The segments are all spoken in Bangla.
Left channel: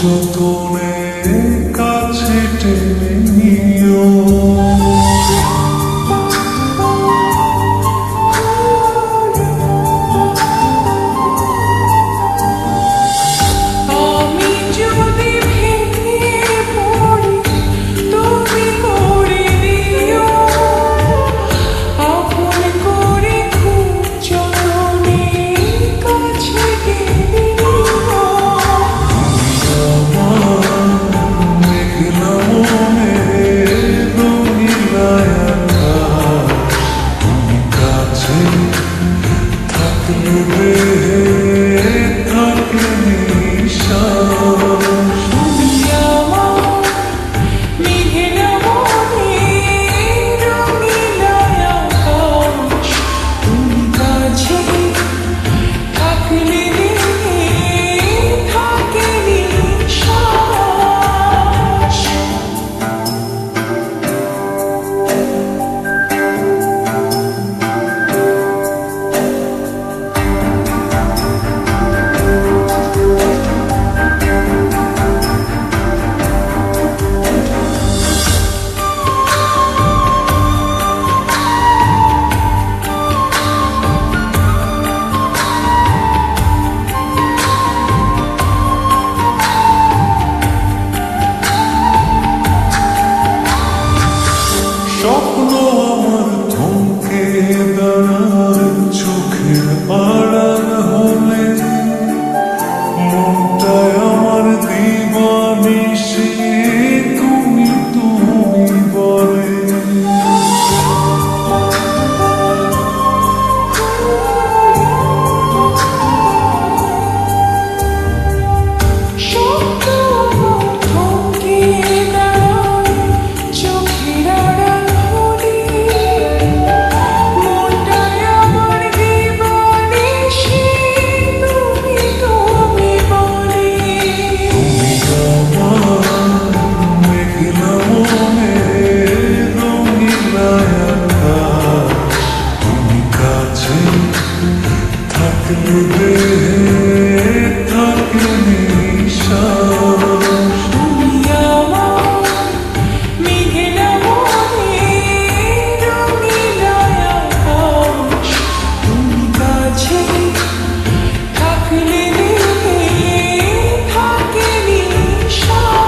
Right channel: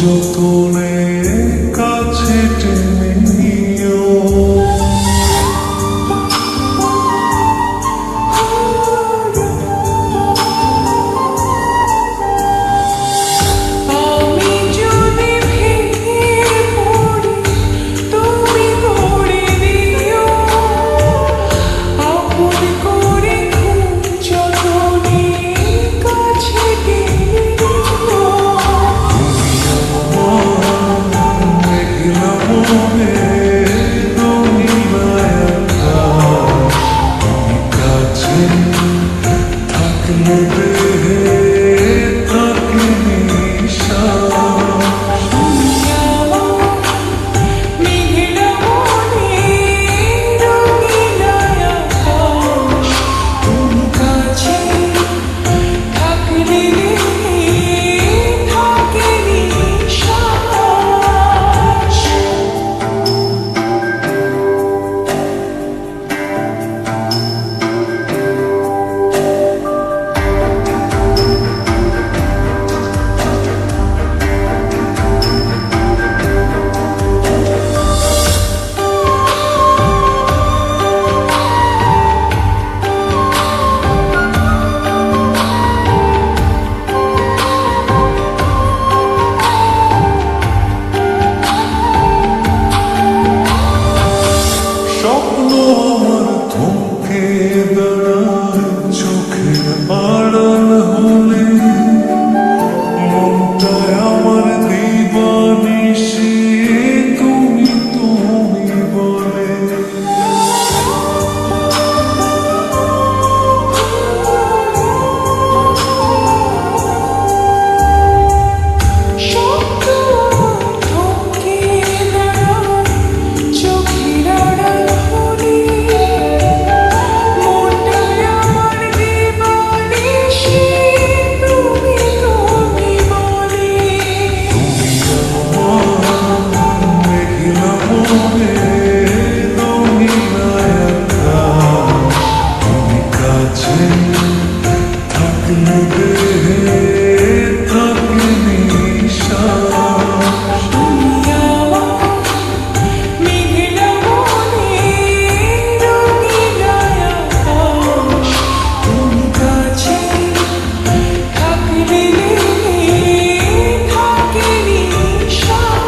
যতনে কাছে টেনে নিও। থাকলে দেহে থাকে নিঃশ্বাস, তুমি আমার মেঘলা মনে রঙিলা আকাশ, তুমি কাছে থাকলে দেহে থাকে নিঃশ্বাস। স্বপ্ন আমার থমকে দাঁড়ায় চোখের আড়াল হলে, মনটায় আমার দিবানিশি তুমি তুমি বলে। থাকলে দেহে থাকে নিঃশ্বাস, তুমি আমার মেঘলা মনে রঙিলা আকাশ, তুমি কাছে থাকলে দেহে থাকে নিঃশ্বাস।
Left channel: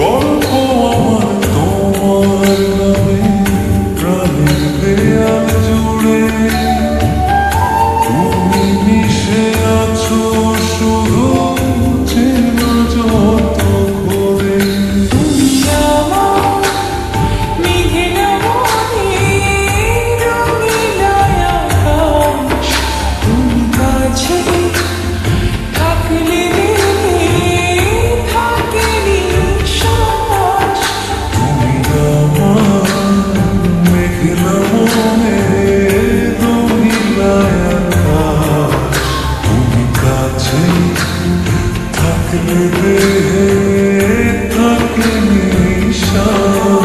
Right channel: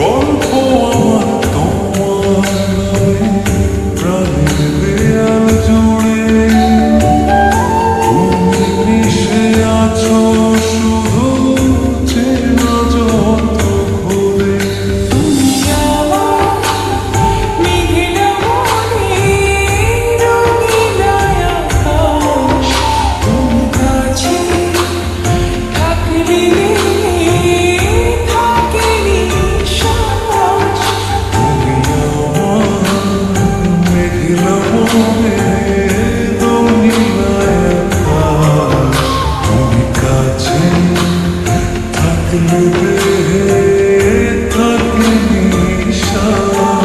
গল্প আমার তোমার নামে প্রাণের দেয়াল জুড়ে, তুমি মিশে আছো শুধু চেনা যত ঘুরে। তুমি আমার মেঘলা মনে রঙিলা আকাশ, তুমি কাছে থাকলে দেহে থাকে নিঃশ্বাস। তুমি আমার মেঘলা মনে রঙিলা আকাশ, তুমি কাছে থাকলে দেহে থাকে নিঃশ্বাস।